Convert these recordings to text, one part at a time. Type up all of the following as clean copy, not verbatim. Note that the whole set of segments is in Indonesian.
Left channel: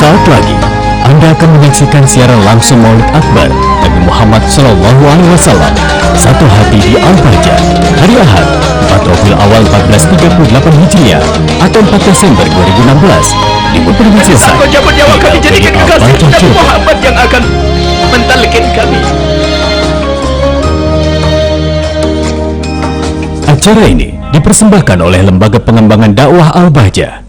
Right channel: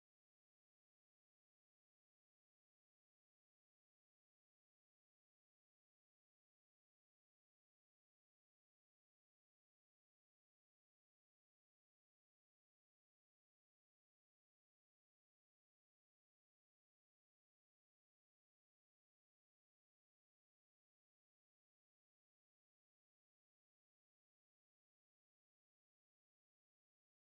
Sesaat lagi, Anda akan menyaksikan siaran langsung Maulid Akbar Nabi Muhammad SAW. Satu hati di Al-Bahjah, hari Ahad, 4 Rabiul Awal 1438 Hijriah atau 4 Desember 2016. Diputar dengan selesai. Kau jawab nyawa kami jadikan kekasih Nabi Muhammad yang akan mentalkin kami. Acara ini dipersembahkan oleh Lembaga Pengembangan Dakwah Al-Bahjah.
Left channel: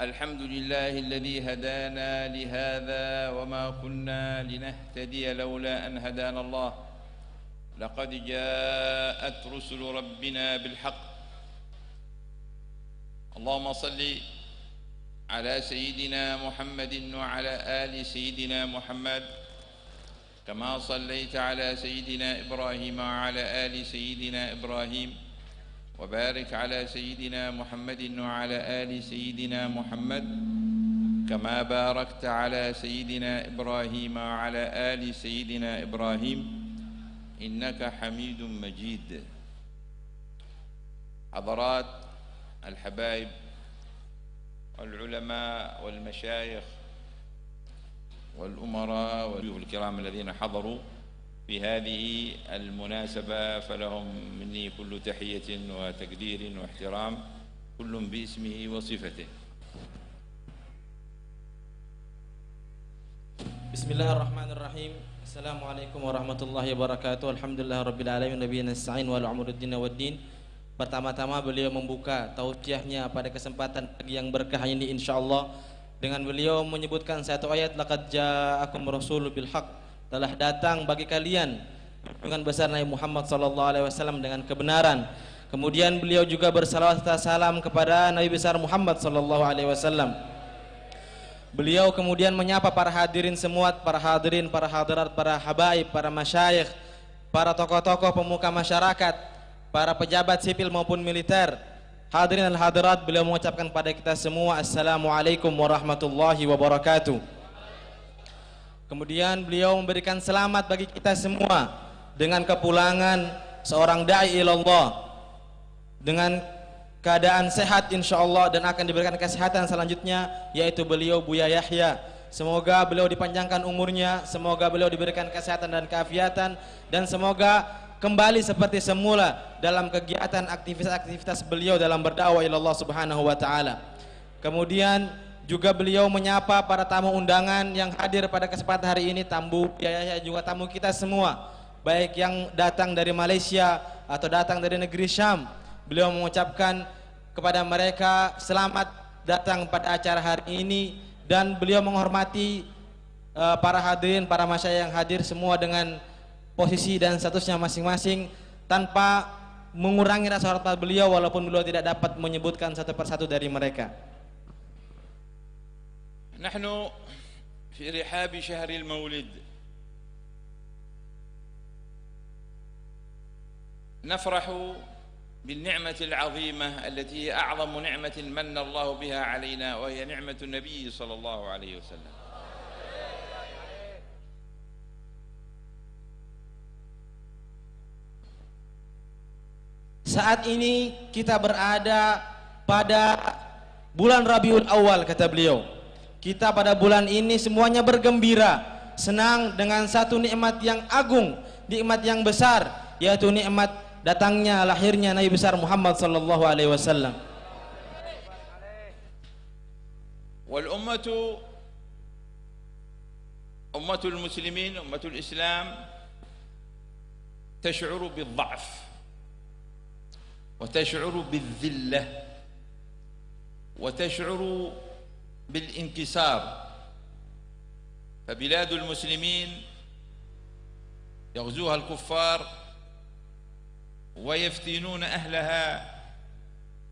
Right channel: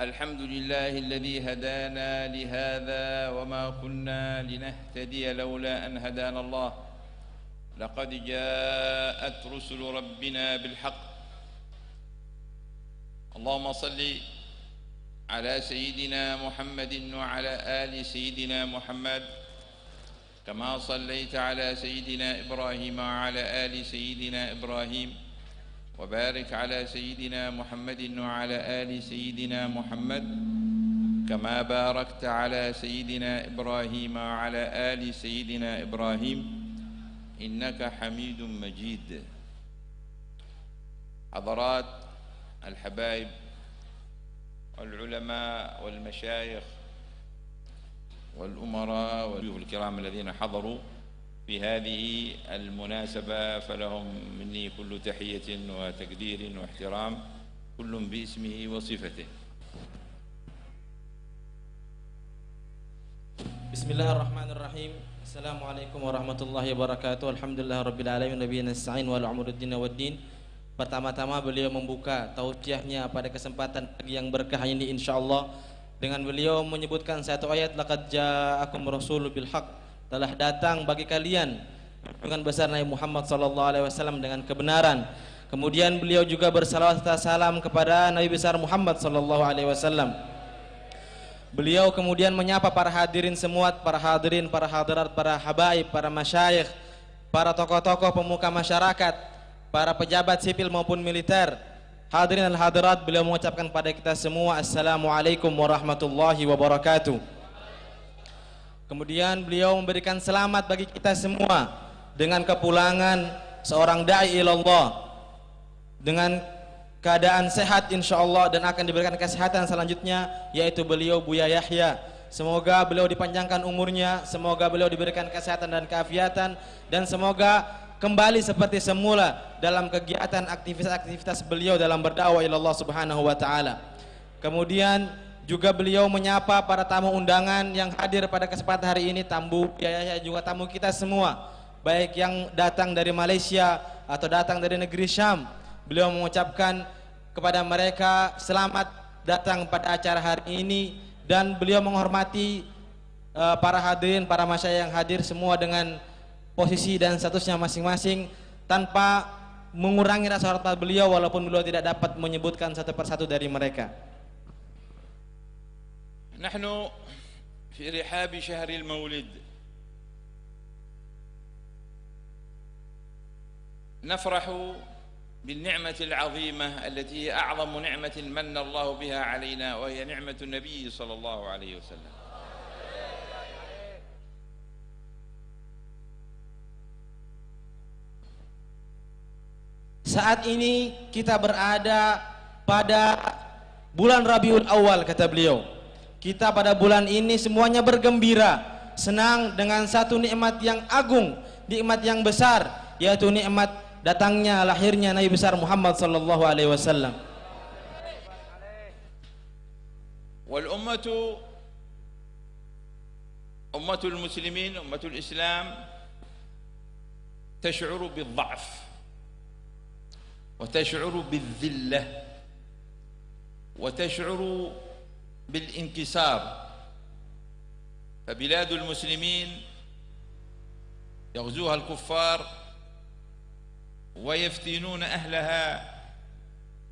Alhamdulillahilladzi hadana lihadza wa ma kunna linahtadiya laula an hadana Allah. Laqad ja'at rusulu rabbina bil haqq. Allahumma salli ala sayyidina Muhammadin wa ala ali sayyidina Muhammad kama sallaita ala sayyidina Ibrahim wa ala ali sayyidina Ibrahim. وبارك على سيدنا محمد وعلى آل سيدنا محمد كما باركت على سيدنا إبراهيم وعلى آل سيدنا إبراهيم إنك حميد مجيد. حضرات الحبايب والعلماء والمشايخ والأمراء والضيوف الكرام الذين حضروا في هذه المناسبة، فلهم مني كل تحية وتقدير واحترام، كل باسمه وصفته. بسم الله الرحمن الرحيم. السلام عليكم ورحمة الله وبركاته. Alhamdulillah Rabbil Alamin, Nabiyina Sa'in wal Umruddin waddin. Pertama-tama beliau membuka tausiahnya pada kesempatan pagi yang berkah ini insyaallah dengan beliau menyebutkan satu ayat, laqad ja'akum rasulun bil haqq, telah datang bagi kalian dengan besar Nabi Muhammad SAW dengan kebenaran. Kemudian beliau juga bersalawat serta salam kepada Nabi besar Muhammad SAW. Beliau kemudian menyapa para hadirin semua, para hadirin, para hadirat, para habaib, para masyayikh, para tokoh-tokoh pemuka masyarakat, para pejabat sipil maupun militer. Hadirin al-hadirat, beliau mengucapkan pada kita semua Assalamualaikum warahmatullahi wabarakatuh. Kemudian beliau memberikan selamat bagi kita semua dengan kepulangan seorang da'i ilallah dengan keadaan sehat insyaallah dan akan diberikan kesehatan selanjutnya, yaitu beliau Buya Yahya. Semoga beliau dipanjangkan umurnya, semoga beliau diberikan kesehatan dan keafiatan, dan semoga kembali seperti semula dalam kegiatan aktivitas beliau dalam berdakwah ilallah subhanahu wa ta'ala. Kemudian juga beliau menyapa para tamu undangan yang hadir pada kesempatan hari ini, tamu biaya juga tamu kita semua, baik yang datang dari Malaysia atau datang dari negeri Syam. Beliau mengucapkan kepada mereka selamat datang pada acara hari ini, dan beliau menghormati para hadirin, para masyayikh yang hadir semua dengan posisi dan statusnya masing-masing tanpa mengurangi rasa hormat beliau walaupun beliau tidak dapat menyebutkan satu persatu dari mereka. نحن في رحاب شهر المولد نفرح بالنعمة العظيمة التي هي أعظم نعمة من الله بها علينا، وهي نعمة النبي صلى الله عليه وسلم. Saat ini kita berada pada bulan Rabiul Awal, kata beliau. Kita pada bulan ini semuanya bergembira, senang dengan satu nikmat yang agung, nikmat yang besar, yaitu nikmat datangnya lahirnya Nabi besar Muhammad sallallahu alaihi wasallam. Wal ummatul muslimin, ummatul Islam tash'uru bil dha'f wa tash'uru bil dhillah wa tash'uru بالانكسار. فبلاد المسلمين يغزوها الكفار ويفتنون أهلها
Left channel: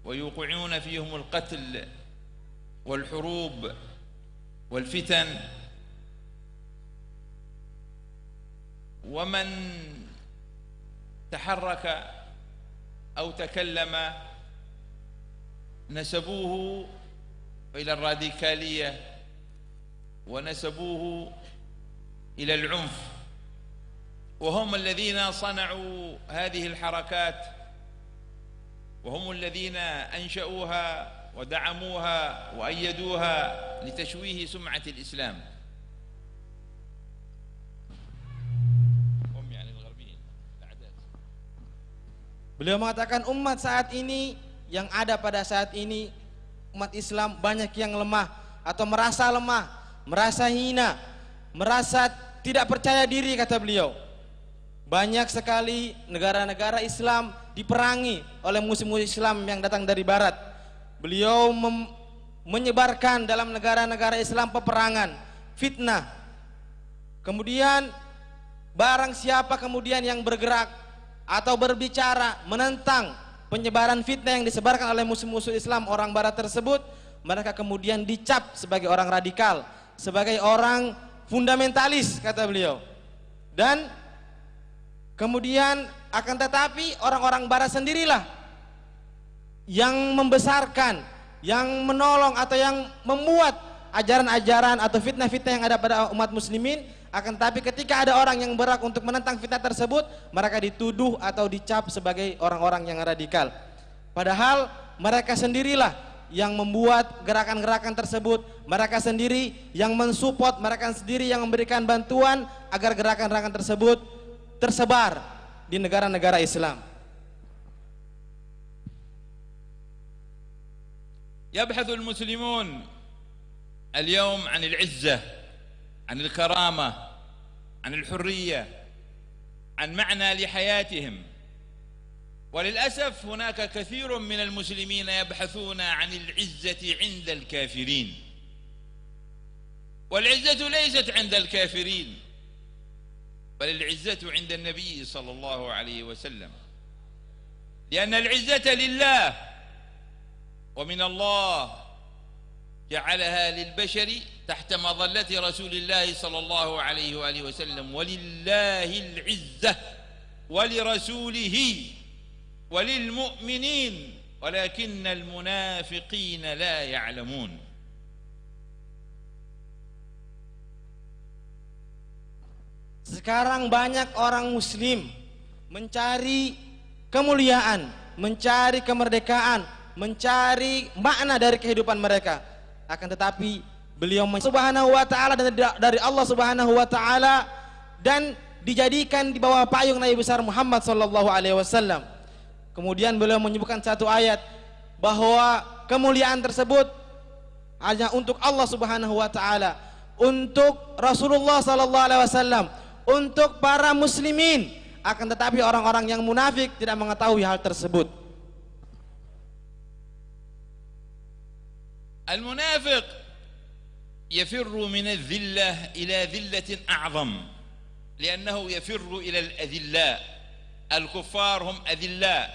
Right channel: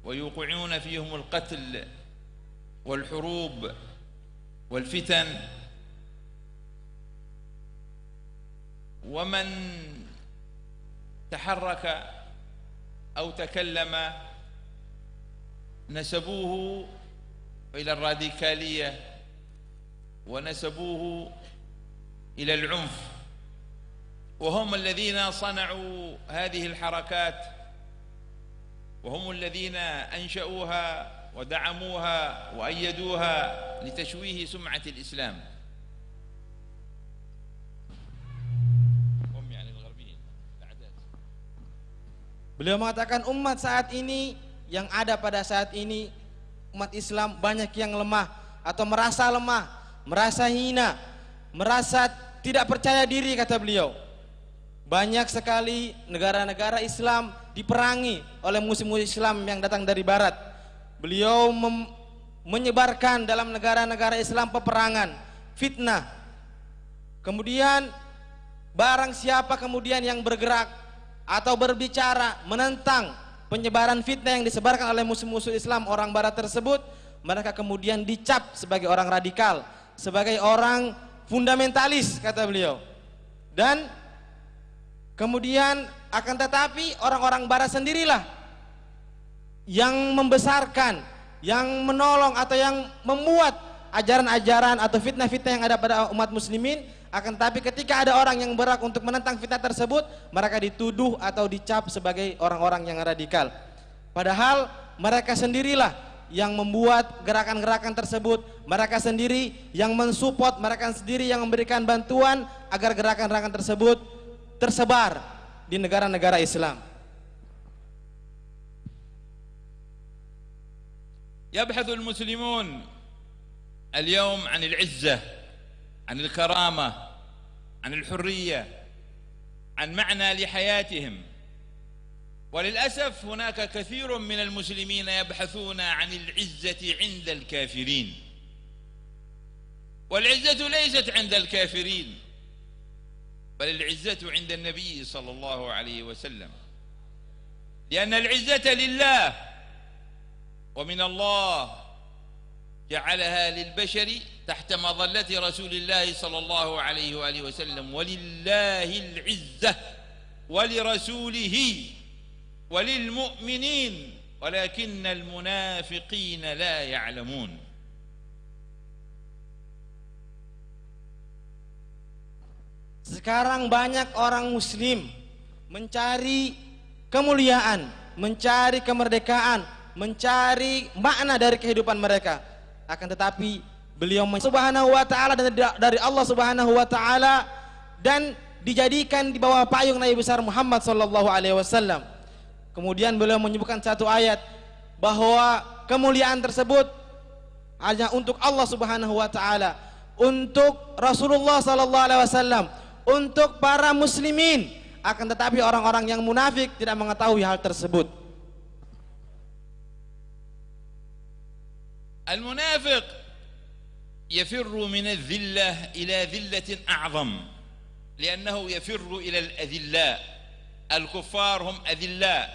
ويوقعون فيهم القتل والحروب والفتن، ومن تحرك أو تكلم نسبوه إلى الراديكالية ونسبوه إلى العنف، وهم الذين صنعوا هذه الحركات وهم الذين أنشأوها ودعموها وأيدوها لتشويه سمعة الإسلام. Beliau mengatakan umat saat ini, yang ada pada saat ini, umat Islam banyak yang lemah atau merasa lemah, merasa hina, merasa tidak percaya diri, kata beliau. Banyak sekali negara-negara Islam diperangi oleh musuh-musuh Islam yang datang dari barat. Beliau menyebarkan dalam negara-negara Islam peperangan, fitnah. Kemudian barang siapa kemudian yang bergerak atau berbicara menentang penyebaran fitnah yang disebarkan oleh musuh-musuh Islam orang barat tersebut, mereka kemudian dicap sebagai orang radikal, sebagai orang fundamentalis, kata beliau. Dan kemudian akan tetapi orang-orang barat sendirilah yang membesarkan, yang menolong atau yang membuat ajaran-ajaran atau fitnah-fitnah yang ada pada umat muslimin. Akan tetapi ketika ada orang yang berhak untuk menentang fitnah tersebut, mereka dituduh atau dicap sebagai orang-orang yang radikal. Padahal mereka sendirilah yang membuat gerakan-gerakan tersebut, mereka sendiri yang mensupport, mereka sendiri yang memberikan bantuan agar gerakan-gerakan tersebut tersebar di negara-negara Islam. يبحث المسلمون اليوم عن العزة، عن الكرامة، عن الحرية، عن معنى لحياتهم. وللأسف هناك كثير من المسلمين يبحثون عن العزة عند الكافرين، والعزة ليست عند الكافرين، بل العزة عند النبي صلى الله عليه وسلم، لأن العزة لله ومن الله جعلها للبشر تحت مظلة رسول الله صلى الله عليه وآله وسلم. ولله العزة ولرسوله وللمؤمنين ولكن المنافقين لا يعلمون. Sekarang banyak orang muslim mencari kemuliaan, mencari kemerdekaan, mencari makna dari kehidupan mereka. Akan tetapi beliau subhanahu wa ta'ala dari Allah subhanahu wa ta'ala dan dijadikan di bawah payung Nabi besar Muhammad sallallahu alaihi wasallam. Kemudian beliau menyebutkan satu ayat bahwa kemuliaan tersebut hanya untuk Allah subhanahu wa ta'ala, untuk Rasulullah sallallahu alaihi wasallam, untuk para muslimin. Akan tetapi orang-orang yang munafik tidak mengetahui hal tersebut. المنافق يفر من الذلة إلى ذلة أعظم، لأنه يفر إلى الأذلاء. الكفار هم أذلاء،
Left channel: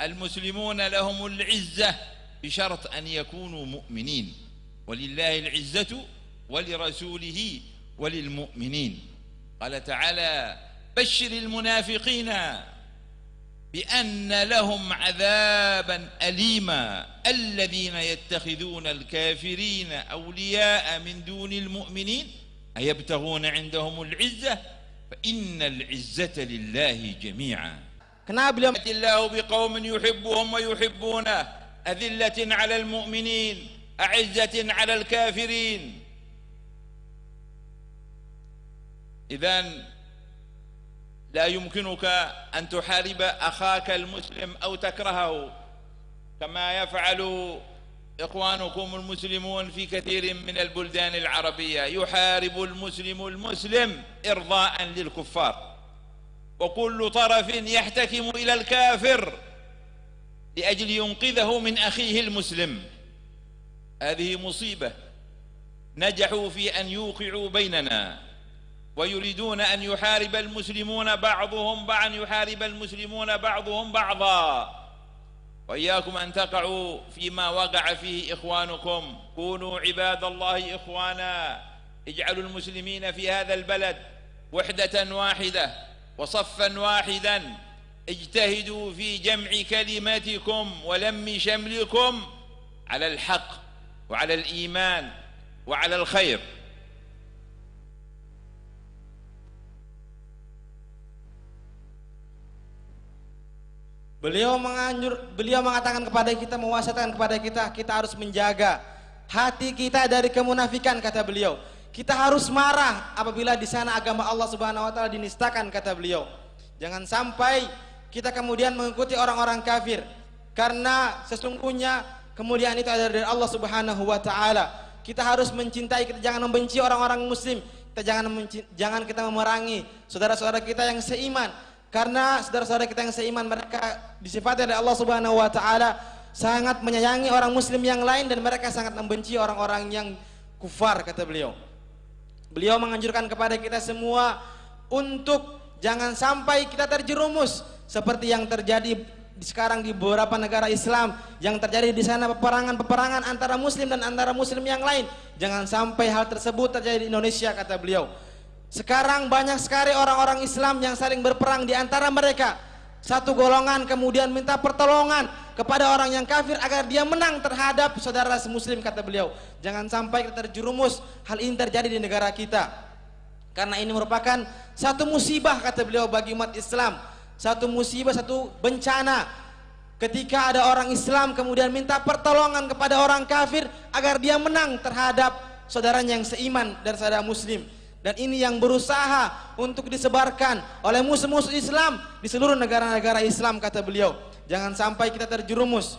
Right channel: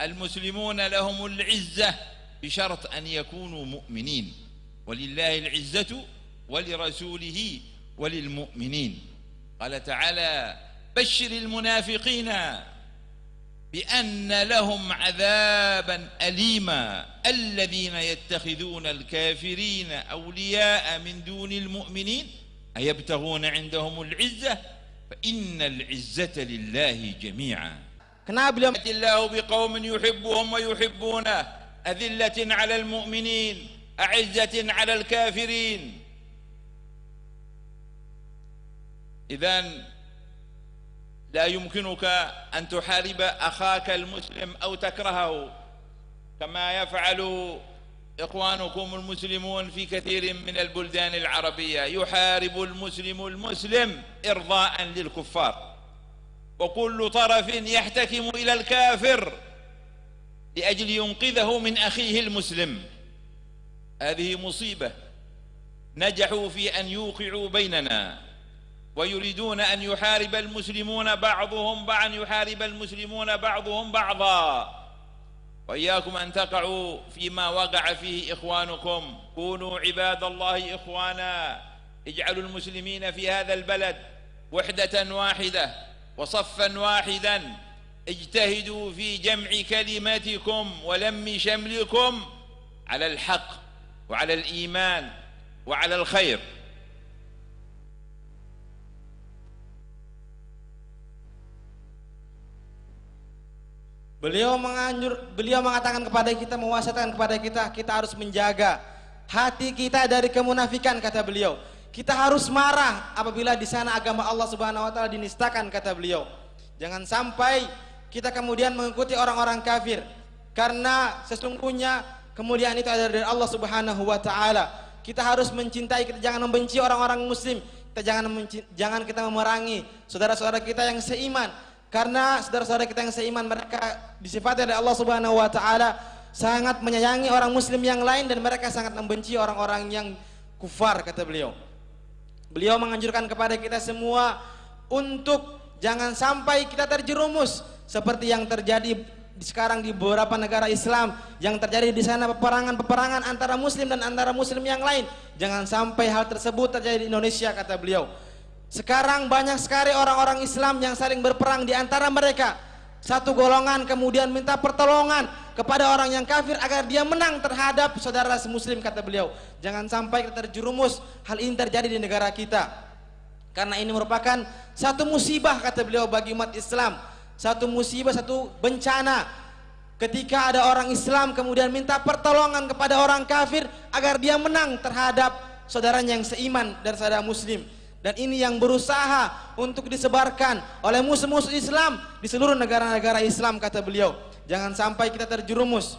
المسلمون لهم العزة بشرط أن يكونوا مؤمنين، ولله العزة ولرسوله وللمؤمنين. قال تعالى: بشر المنافقين بأن لهم عذابا أليما الذين يتخذون الكافرين أولياء من دون المؤمنين أيبتغون عندهم العزة فإن العزة لله جميعا. يأتي الله بقوم يحبهم ويحبونه أذلة على المؤمنين أعزة على الكافرين. إذن لا يمكنك أن تحارب أخاك المسلم أو تكرهه كما يفعل إخوانكم المسلمون في كثير من البلدان العربية. يحارب المسلم المسلم إرضاء للكفار، وكل طرف يحتكم إلى الكافر لأجل ينقذه من أخيه المسلم. هذه مصيبة نجحوا في أن يوقعوا بيننا، ويريدون أن يحارب المسلمون بعضهم بعضا. وإياكم أن تقعوا فيما وقع فيه إخوانكم. كونوا عباد الله إخوانا، اجعلوا المسلمين في هذا البلد وحدة واحدة وصفا واحدا، اجتهدوا في جمع كلمتكم ولم شملكم على الحق وعلى الإيمان وعلى الخير. Beliau mengatakan kepada kita, mewasiatkan kepada kita, kita harus menjaga hati kita dari kemunafikan, kata beliau. Kita harus marah apabila di sana agama Allah Subhanahu wa taala dinistakan, kata beliau. Jangan sampai kita kemudian mengikuti orang-orang kafir, karena sesungguhnya kemuliaan itu ada dari Allah Subhanahu wa taala. Kita harus mencintai, kita jangan membenci orang-orang muslim. Jangan kita memerangi saudara-saudara kita yang seiman, karena saudara-saudara kita yang seiman mereka disifati oleh Allah Subhanahu wa taala sangat menyayangi orang muslim yang lain, dan mereka sangat membenci orang-orang yang kufar, kata beliau. Beliau menganjurkan kepada kita semua untuk jangan sampai kita terjerumus seperti yang terjadi sekarang di beberapa negara Islam, yang terjadi di sana peperangan antara muslim dan antara muslim yang lain. Jangan sampai hal tersebut terjadi di Indonesia, kata beliau. Sekarang banyak sekali orang-orang Islam yang saling berperang di antara mereka. Satu golongan kemudian minta pertolongan kepada orang yang kafir agar dia menang terhadap saudara muslim, kata beliau. Jangan sampai kita terjerumus hal ini terjadi di negara kita, karena ini merupakan satu musibah, kata beliau, bagi umat Islam. Satu musibah, satu bencana ketika ada orang Islam kemudian minta pertolongan kepada orang kafir agar dia menang terhadap saudaranya yang seiman dan saudara muslim. Dan ini yang berusaha untuk disebarkan oleh musuh-musuh Islam di seluruh negara-negara Islam, kata beliau. Jangan sampai kita terjerumus.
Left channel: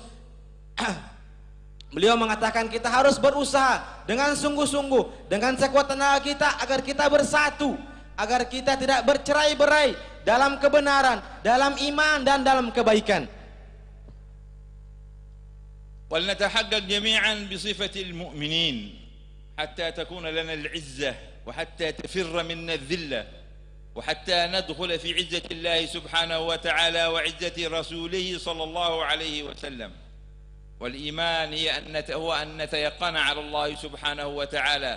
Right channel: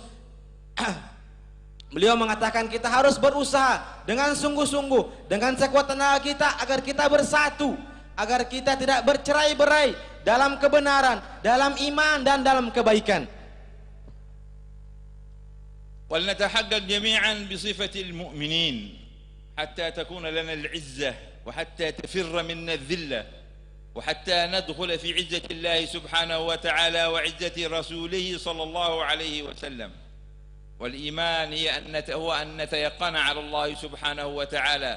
Beliau mengatakan kita harus berusaha dengan sungguh-sungguh, dengan sekuat tenaga kita agar kita bersatu, agar kita tidak bercerai-berai dalam kebenaran, dalam iman dan dalam kebaikan. ولنتحقق جميعا بصفة المؤمنين حتى تكون لنا العزة وحتى تفر منا الذلة وحتى ندخل في عزة الله سبحانه وتعالى وعزة رسوله صلى الله عليه وسلم. والإيمان هو أن نتيقن على الله سبحانه وتعالى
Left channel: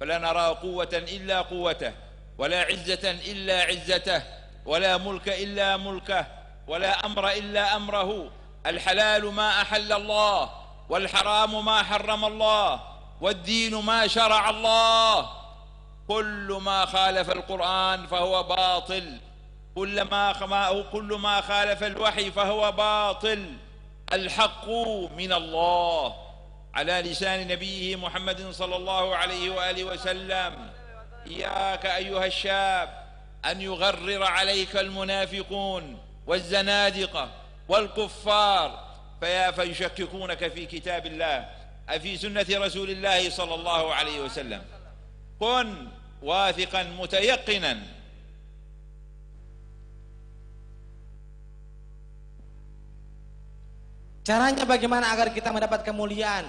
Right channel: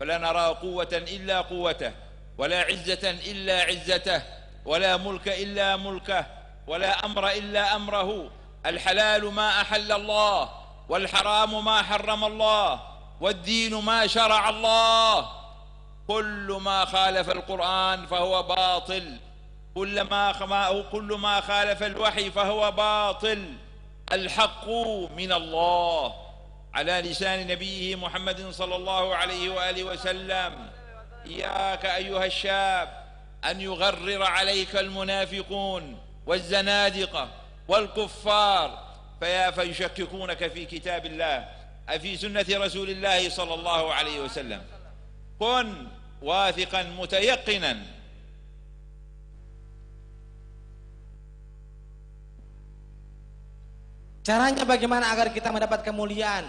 فلا نرى قوة إلا قوته ولا عزة إلا عزته ولا ملك إلا ملكه ولا أمر إلا أمره. الحلال ما أحل الله والحرام ما حرم الله والدين ما شرع الله. كل ما خالف القرآن فهو باطل، كل ما خالف الوحي فهو باطل. الحق من الله على لسان نبيه محمد صلى الله عليه وآله وسلم. إياك أيها الشاب أن يغرر عليك المنافقون والزنادقة والكفار فيشككونك في كتاب الله في سنة رسول الله صلى الله عليه وسلم. كن واثقا متيقنا. Caranya bagaimana agar kita mendapat kemuliaan?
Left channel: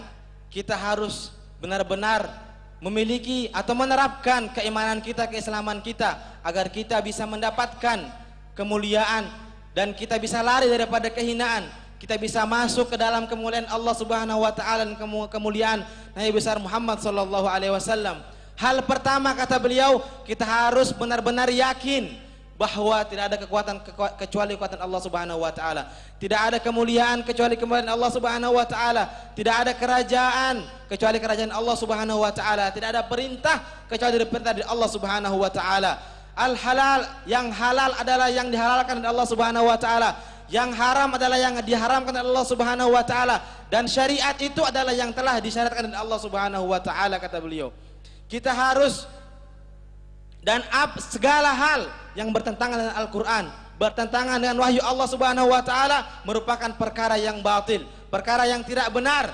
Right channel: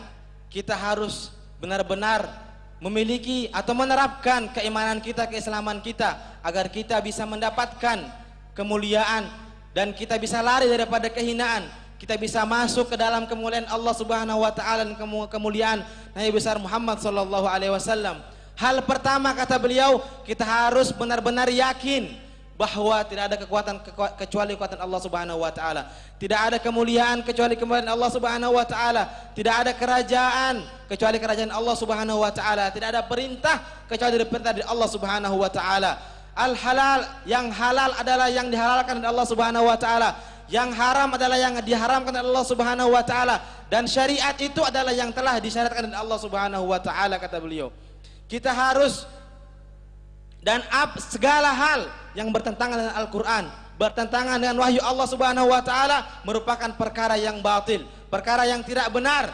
Kita harus benar-benar memiliki atau menerapkan keimanan kita, keislaman kita, agar kita bisa mendapatkan kemuliaan dan kita bisa lari daripada kehinaan. Kita bisa masuk ke dalam kemuliaan Allah Subhanahu wa taala dan kemuliaan Nabi besar Muhammad sallallahu alaihi wasallam. Hal pertama, kata beliau, kita harus benar-benar yakin bahwa tidak ada kekuatan kecuali kekuatan Allah Subhanahu wa taala. Tidak ada kemuliaan kecuali kemuliaan Allah Subhanahu wa taala. Tidak ada kerajaan kecuali kerajaan Allah Subhanahu wa taala. Tidak ada perintah kecuali dari perintah dari Allah Subhanahu wa taala. Al-halal, yang halal adalah yang dihalalkan oleh Allah Subhanahu wa taala. Yang haram adalah yang diharamkan oleh Allah Subhanahu wa taala, dan syariat itu adalah yang telah disyariatkan oleh Allah Subhanahu wa taala, kata beliau. Kita harus dan segala hal yang bertentangan dengan Al-Qur'an, bertentangan dengan wahyu Allah Subhanahu wa taala merupakan perkara yang batil, perkara yang tidak benar.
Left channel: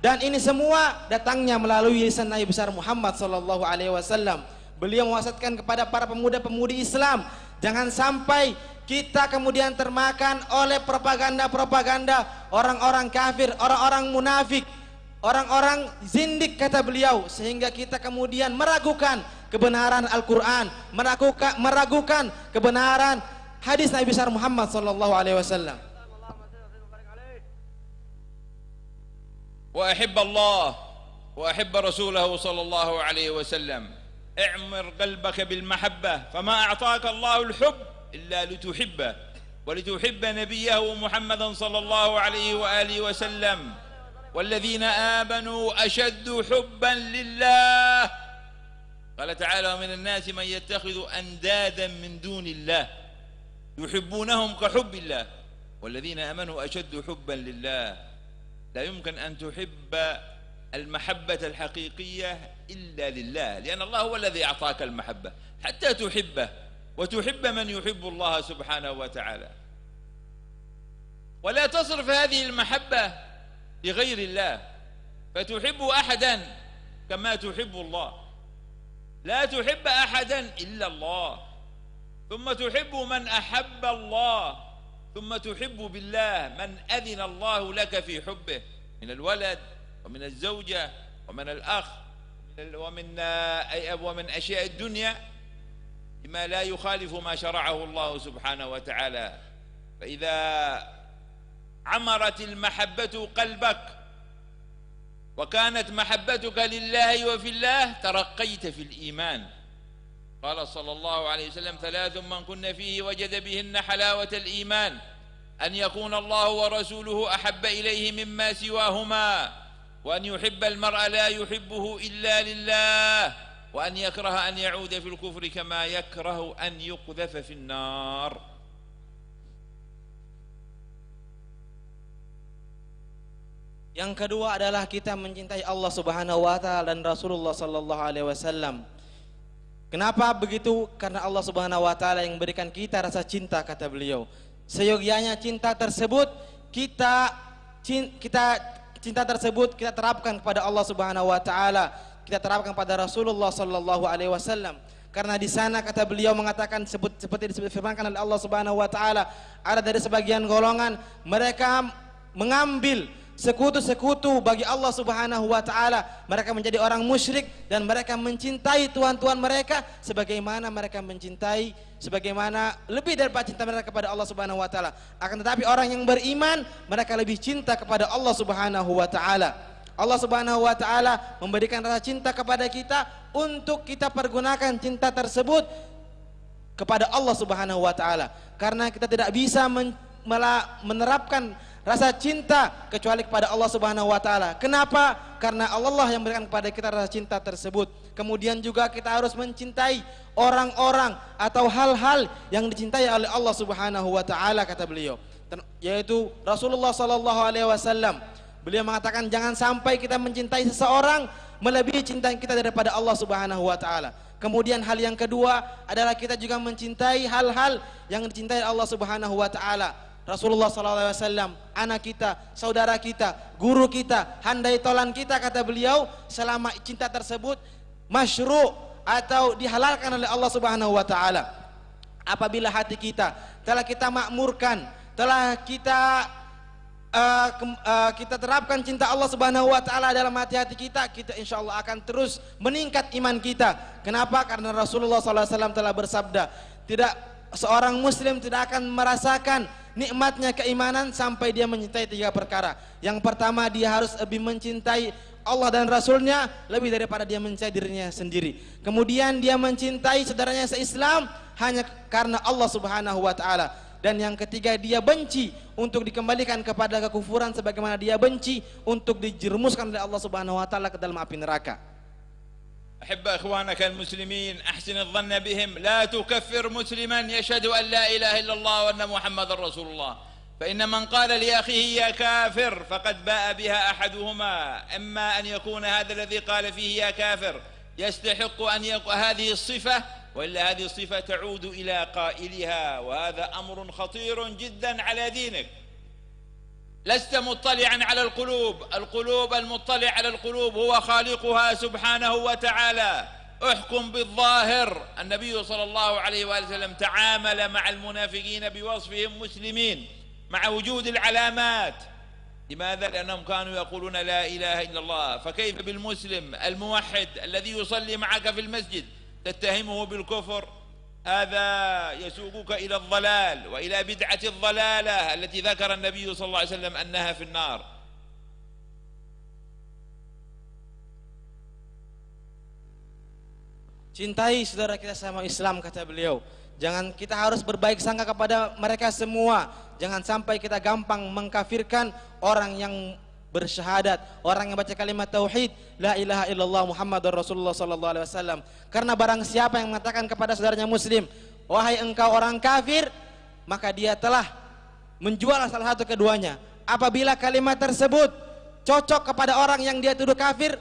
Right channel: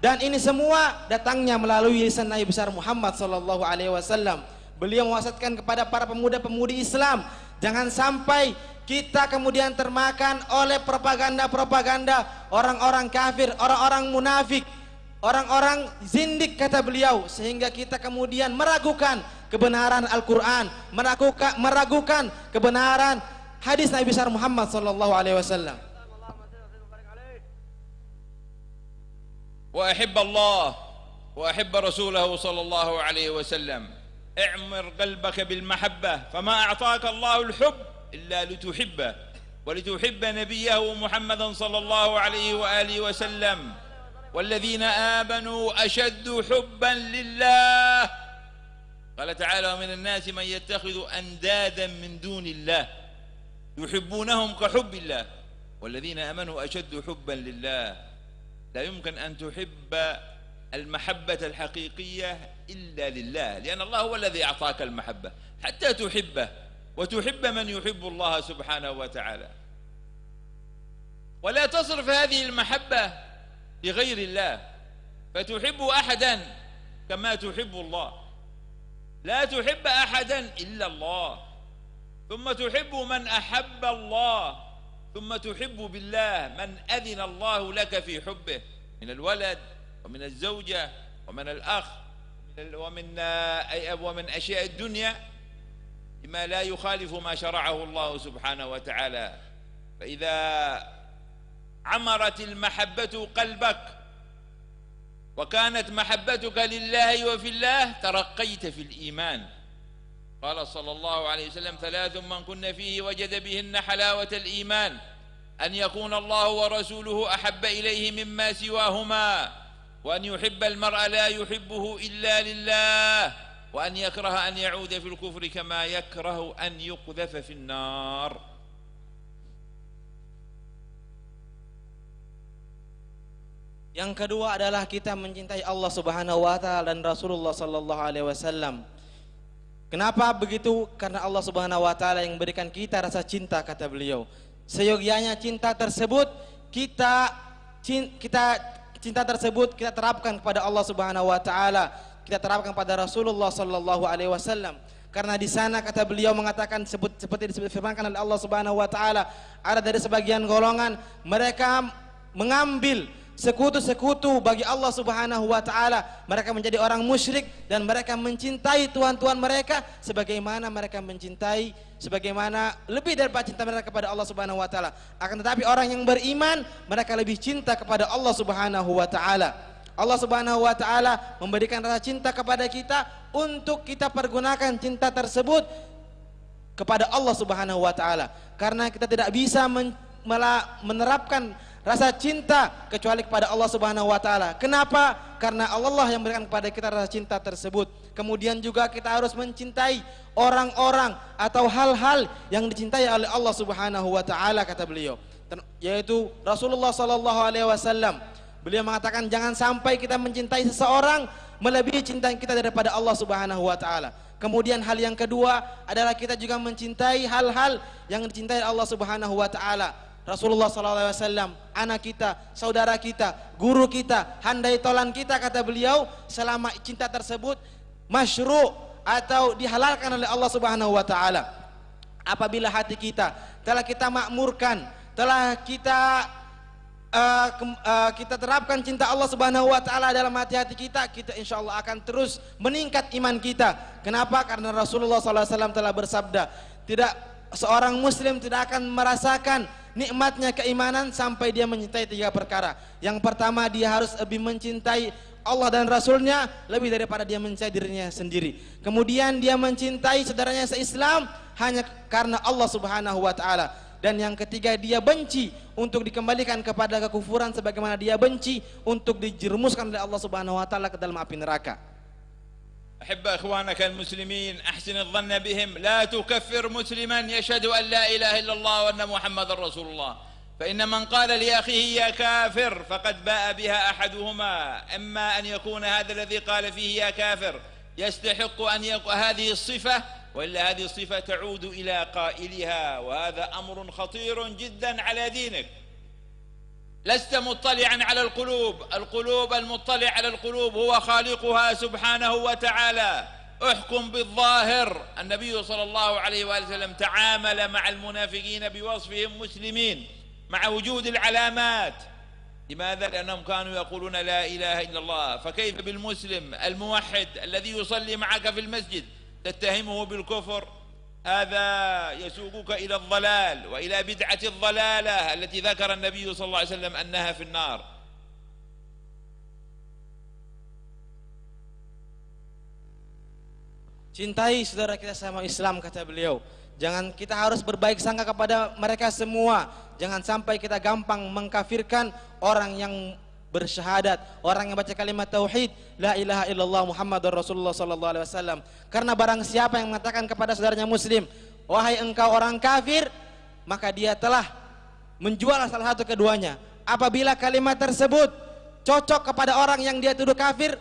Dan ini semua datangnya melalui lisan Nabi besar Muhammad sallallahu alaihi wasallam. Beliau mewasiatkan kepada para pemuda-pemudi Islam, jangan sampai kita kemudian termakan oleh propaganda-propaganda orang-orang kafir, orang-orang munafik, orang-orang zindik, kata beliau, sehingga kita kemudian meragukan kebenaran Al-Quran, meragukan kebenaran hadis Nabi besar Muhammad sallallahu alaihi wasallam. Wa ahibba Allah wa ahibba Rasulahu sallallahu alaihi wasallam. اعمر قلبك بالمحبة فما أعطاك الله الحب إلا لتحبه ولتحب نبيه محمدا صلى الله عليه وآله وسلم والذين آمنوا أشد حبا لله. قال تعالى ومن الناس من يتخذ أندادا من دون الله يحبونهم كحب الله والذين آمنوا أشد حبا لله. لا يمكن أن تحب المحبة الحقيقية إلا لله، لأن الله هو الذي أعطاك المحبة حتى تحبه وتحب من يحب الله سبحانه وتعالى. ولا تصرف هذه المحبة لغير الله فتحب أحدا كما تحب الله. لا تحب أحدا إلا الله، ثم تحب من أحب الله، ثم تحب بالله من أذن الله لك في حبه من الولد ومن الزوجة ومن الأخ ومن أشياء الدنيا بما لا يخالف ما شرعه الله سبحانه وتعالى. فإذا عمرت المحبة قلبك وكانت محبتك لله وفي الله ترقيت في الإيمان. قال صلى الله عليه وسلم: ثلاث من كن فيه وجد بهن حلاوة الإيمان، أن يكون الله ورسوله أحب إليه مما سواهما، وأن يحب المرء لا يحبه إلا لله، وأن يكره أن يعود في الكفر كما يكره أن يقذف في النار. Yang kedua adalah kita mencintai Allah Subhanahu wa taala dan Rasulullah sallallahu alaihi wasallam. Kenapa begitu? Karena Allah Subhanahu wa taala yang berikan kita rasa cinta, kata beliau. Seyogyanya cinta tersebut kita terapkan kepada Allah Subhanahu wa taala, kita terapkan pada Rasulullah sallallahu alaihi wasallam. Karena di sana kata beliau mengatakan seperti disebutkan oleh Allah Subhanahu wa taala, ada dari sebagian golongan mereka mengambil sekutu-sekutu bagi Allah Subhanahu wa taala. Mereka menjadi orang musyrik dan mereka mencintai tuhan-tuhan mereka sebagaimana mereka mencintai, sebagaimana lebih daripada cinta mereka kepada Allah Subhanahu wa taala. Akan tetapi orang yang beriman, mereka lebih cinta kepada Allah Subhanahu wa taala. Allah Subhanahu wa taala memberikan rasa cinta kepada kita untuk kita pergunakan cinta tersebut kepada Allah Subhanahu wa taala. Karena kita tidak bisa menerapkan rasa cinta kecuali kepada Allah Subhanahu wa taala. Kenapa? Karena Allah yang memberikan kepada kita rasa cinta tersebut. Kemudian juga kita harus mencintai orang-orang atau hal-hal yang dicintai oleh Allah Subhanahu wa taala, kata beliau, yaitu Rasulullah sallallahu alaihi wasallam. Beliau mengatakan jangan sampai kita mencintai seseorang melebihi cinta kita daripada Allah Subhanahu wa taala. Kemudian hal yang kedua adalah kita juga mencintai hal-hal yang dicintai Allah Subhanahu wa taala. Rasulullah sallallahu alaihi wasallam, anak kita, saudara kita, guru kita, handai tolan kita, kata beliau, selama cinta tersebut masyru' atau dihalalkan oleh Allah Subhanahu wa taala. Apabila hati kita telah kita makmurkan, telah kita terapkan cinta Allah Subhanahu wa taala dalam hati-hati kita, kita insyaallah akan terus meningkat iman kita. Kenapa? Karena Rasulullah sallallahu alaihi wasallam telah bersabda, tidak seorang muslim tidak akan merasakan nikmatnya keimanan sampai dia mencintai tiga perkara. Yang pertama, dia harus lebih mencintai Allah dan Rasulnya lebih daripada dia mencintai dirinya sendiri. Kemudian dia mencintai saudaranya se-Islam hanya karena Allah Subhanahu wa taala. Dan yang ketiga, dia benci untuk dikembalikan kepada kekufuran sebagaimana dia benci untuk dijerumuskan oleh Allah Subhanahu wa taala ke dalam api neraka. أحب أخوانك المسلمين، أحسن الظن بهم، لا تكفر مسلما يشهد أن لا إله إلا الله وأن محمد رسول الله، فإن من قال لأخيه يا كافر فقد باء بها أحدهما، إما أن يكون هذا الذي قال فيه يا كافر يستحق أن يقع هذه الصفة، وإلا هذه الصفة تعود إلى قائلها، وهذا أمر خطير جدا على دينك. لست مطلعا على القلوب المطلع على القلوب هو خالقها سبحانه وتعالى. احكم بالظاهر. النبي صلى الله عليه وآله وسلم تعامل مع المنافقين بوصفهم مسلمين مع وجود العلامات. لماذا؟ لأنهم كانوا يقولون لا إله إلا الله، فكيف بالمسلم الموحد الذي يصلي معك في المسجد تتهمه بالكفر؟ هذا يسوقك إلى الضلال وإلى بدعة الضلالة التي ذكر النبي صلى الله عليه وسلم أنها في النار. Cintai saudara kita sama Islam, kata beliau. Kita harus berbaik sangka kepada mereka semua. Jangan sampai kita gampang mengkafirkan orang yang bersyahadat, orang yang baca kalimat tauhid la ilaha illallah Muhammadur Rasulullah sallallahu alaihi wasallam. Karena barang siapa yang mengatakan kepada saudaranya muslim, wahai engkau orang kafir, maka dia telah menjual salah satu keduanya. Apabila kalimat tersebut cocok kepada orang yang dia tuduh kafir,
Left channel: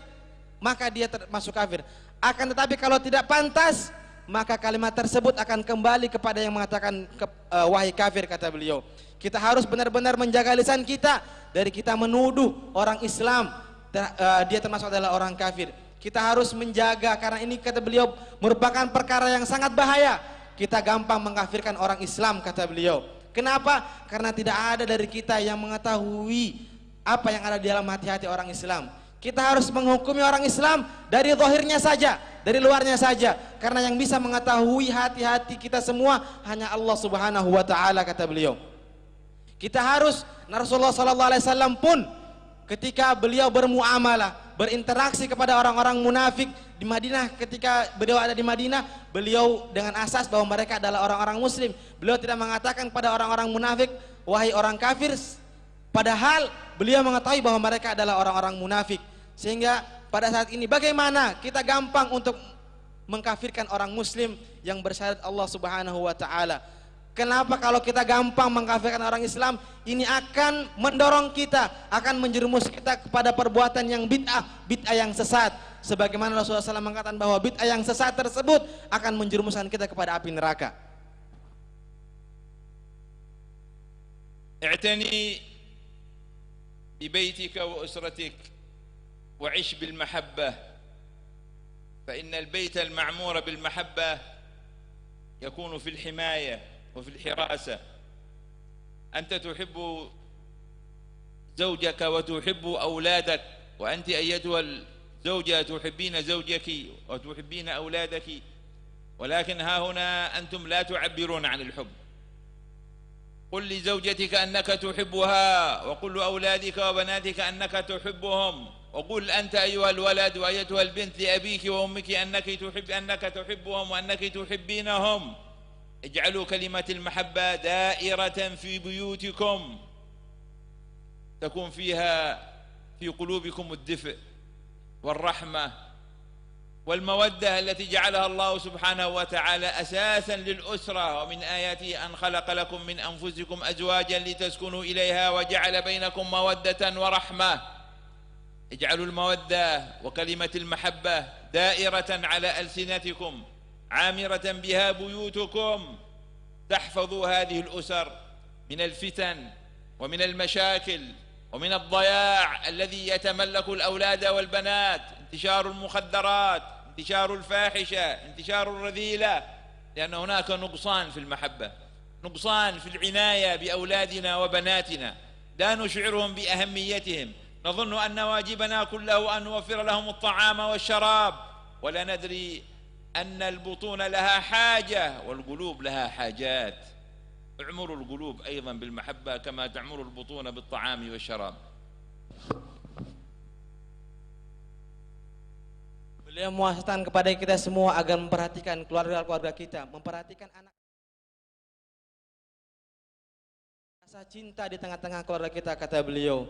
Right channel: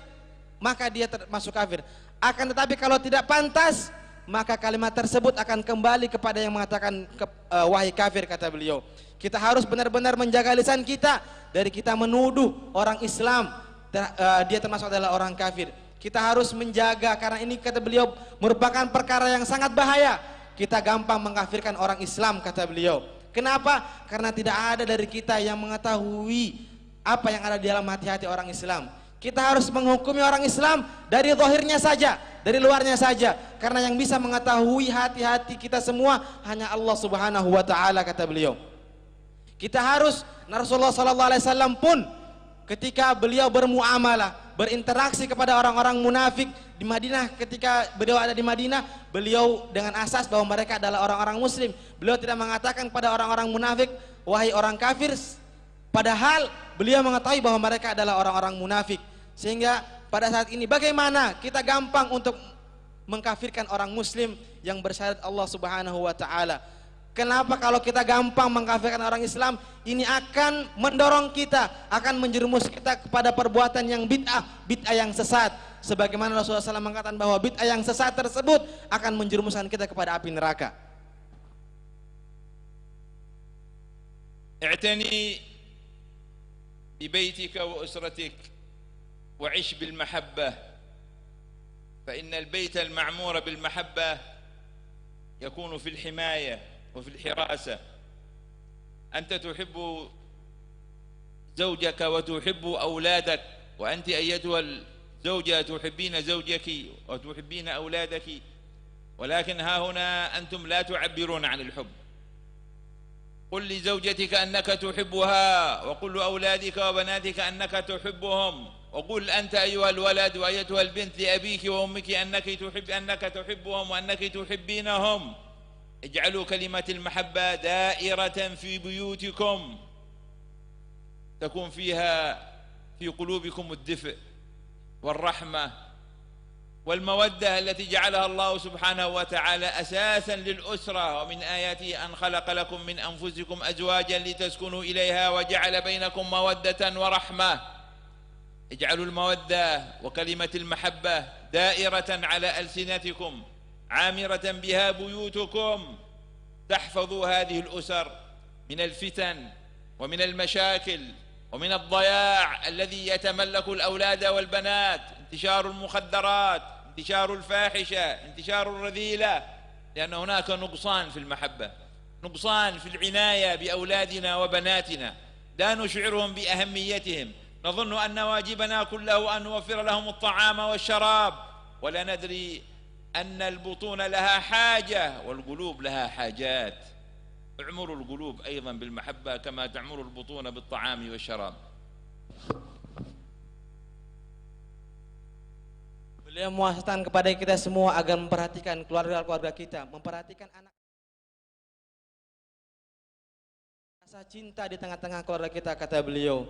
maka dia termasuk kafir. Akan tetapi kalau tidak pantas, maka kalimat tersebut akan kembali kepada yang mengatakan wahai kafir, kata beliau. Kita harus benar-benar menjaga lisan kita dari kita menuduh orang Islam dia termasuk adalah orang kafir. Kita harus menjaga, karena ini kata beliau merupakan perkara yang sangat bahaya. Kita gampang mengkafirkan orang Islam, kata beliau. Kenapa? Karena tidak ada dari kita yang mengetahui apa yang ada di dalam hati-hati orang Islam. Kita harus menghukumi orang Islam dari zahirnya saja, dari luarnya saja, karena yang bisa mengetahui hati-hati kita semua hanya Allah Subhanahu wa taala, kata beliau. Kita harus, Rasulullah sallallahu alaihi wasallam pun ketika beliau bermuamalah, berinteraksi kepada orang-orang munafik di Madinah, ketika beliau ada di Madinah, beliau dengan asas bahwa mereka adalah orang-orang muslim. Beliau tidak mengatakan pada orang-orang munafik, wahai orang kafir, padahal beliau mengetahui bahwa mereka adalah orang-orang munafik. Sehingga pada saat ini bagaimana kita gampang untuk mengkafirkan orang muslim yang bersyahadat Allah Subhanahu wa taala. Kenapa? Kalau kita gampang mengkafirkan orang Islam, ini akan mendorong kita, akan menjerumus kita kepada perbuatan yang bid'ah yang sesat. Sebagaimana Rasulullah SAW mengatakan bahwa bid'ah yang sesat tersebut akan menjerumuskan kita kepada api neraka. اعتني ببيتك وأسرتك وعش بالمحبة، فإن البيت المعمور بالمحبة يكون في الحماية وفي الحراسة. أنت تحب زوجك وتحب أولادك، وأنت أيتها الزوجة تحبين زوجك وتحبين أولادك، ولكن ها هنا أنتم لا تعبرون عن الحب. قل لزوجتك أنك تحبها، وقل لأولادك وبناتك أنك تحبهم، وقل أنت أيها الولد وأيتها البنت لأبيك وأمك أنك تحبهم وأنك تحبينهم. اجعلوا كلمة المحبة دائرة في بيوتكم، تكون فيها في قلوبكم الدفء والرحمة والمودة التي جعلها الله سبحانه وتعالى أساسا للأسرة. ومن آياته أن خلق لكم من أنفسكم أزواجا لتسكنوا إليها وجعل بينكم مودة ورحمة. اجعلوا المودة وكلمة المحبة دائرة على ألسنتكم، عامرة بها بيوتكم، تحفظوا هذه الأسر من الفتن ومن المشاكل ومن الضياع الذي يتملك الأولاد والبنات، انتشار المخدرات، انتشار الفاحشة، انتشار الرذيلة، لأن هناك نقصان في المحبة، نقصان في العناية بأولادنا وبناتنا، لا نشعرهم بأهميتهم، نظن أن واجبنا كله أن نوفر لهم الطعام والشراب، ولا ندري أن البطون لها حاجة والقلوب لها حاجات. اعمروا القلوب أيضا بالمحبة كما تعمر البطون بالطعام والشراب. Beliau mewasiatkan kepada kita semua agar memperhatikan keluarga-keluarga kita, memperhatikan anak. Rasa cinta di tengah-tengah keluarga kita, kata beliau.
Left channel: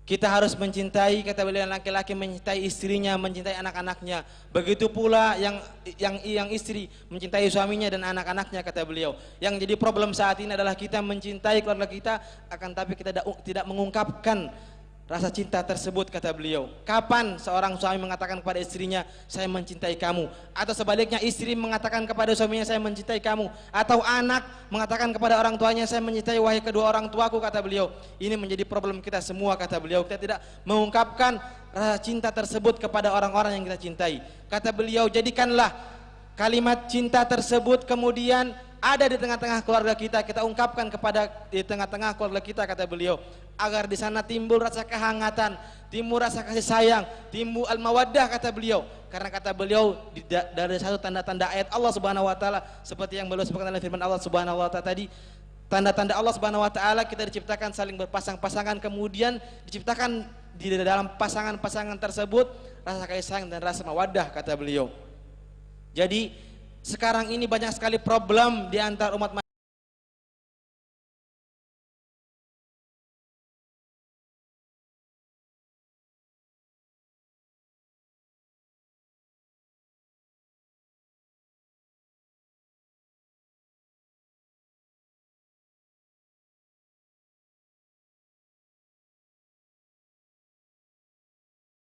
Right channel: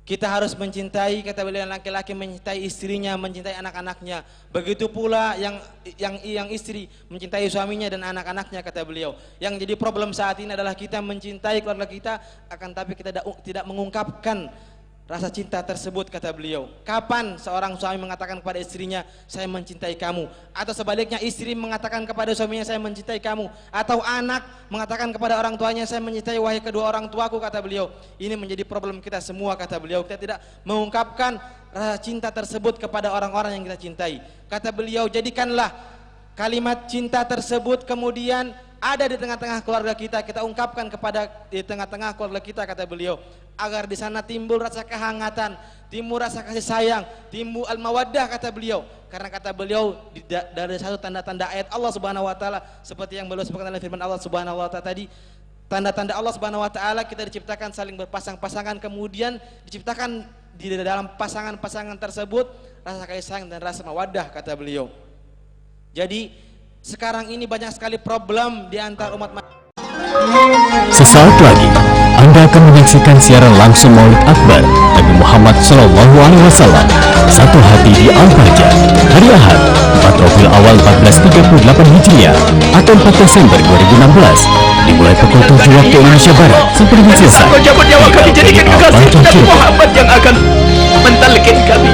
Kita harus mencintai, kata beliau, laki-laki mencintai istrinya, mencintai anak-anaknya. Begitu pula yang istri mencintai suaminya dan anak-anaknya, kata beliau. Yang jadi problem saat ini adalah kita mencintai keluarga kita, akan tapi kita tidak mengungkapkan rasa cinta tersebut, kata beliau. Kapan seorang suami mengatakan kepada istrinya, saya mencintai kamu? Atau sebaliknya istri mengatakan kepada suaminya, saya mencintai kamu? Atau anak mengatakan kepada orang tuanya, saya mencintai wahai kedua orang tuaku, kata beliau. Ini menjadi problem kita semua, kata beliau. Kita tidak mengungkapkan rasa cinta tersebut kepada orang-orang yang kita cintai. Kata beliau, jadikanlah kalimat cinta tersebut kemudian ada di tengah-tengah keluarga kita, kita ungkapkan di tengah-tengah keluarga kita, kata beliau, agar di sana timbul rasa kehangatan, timbul rasa kasih sayang, timbul al-mawaddah, kata beliau. Karena kata beliau dari satu tanda-tanda ayat Allah Subhanahu wa taala seperti yang beliau sebutkan dalam firman Allah Subhanahu wa taala tadi, tanda-tanda Allah Subhanahu wa taala kita diciptakan saling berpasang-pasangan, kemudian diciptakan di dalam pasangan-pasangan tersebut rasa kasih sayang dan rasa mawaddah, kata beliau. Jadi sekarang ini banyak sekali problem di antara umat manusia. Sesaat lagi Anda akan menyaksikan siaran langsung Maulid Akbar Nabi Muhammad SAW, Satu Hati di Al-Bahjah, hari Ahad 4 Rabiul Awal 1438 Hijriah atau 4 Desember 2016, dimulai pukul 7 waktu Indonesia Barat sampai dengan selesai. Sanggup jabut nyawa kami jadikan kekasih Nabi Muhammad yang akan mentalkin kami.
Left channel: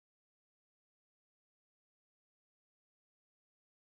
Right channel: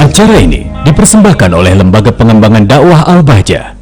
Acara ini dipersembahkan oleh Lembaga Pengembangan Dakwah Al-Bahjah.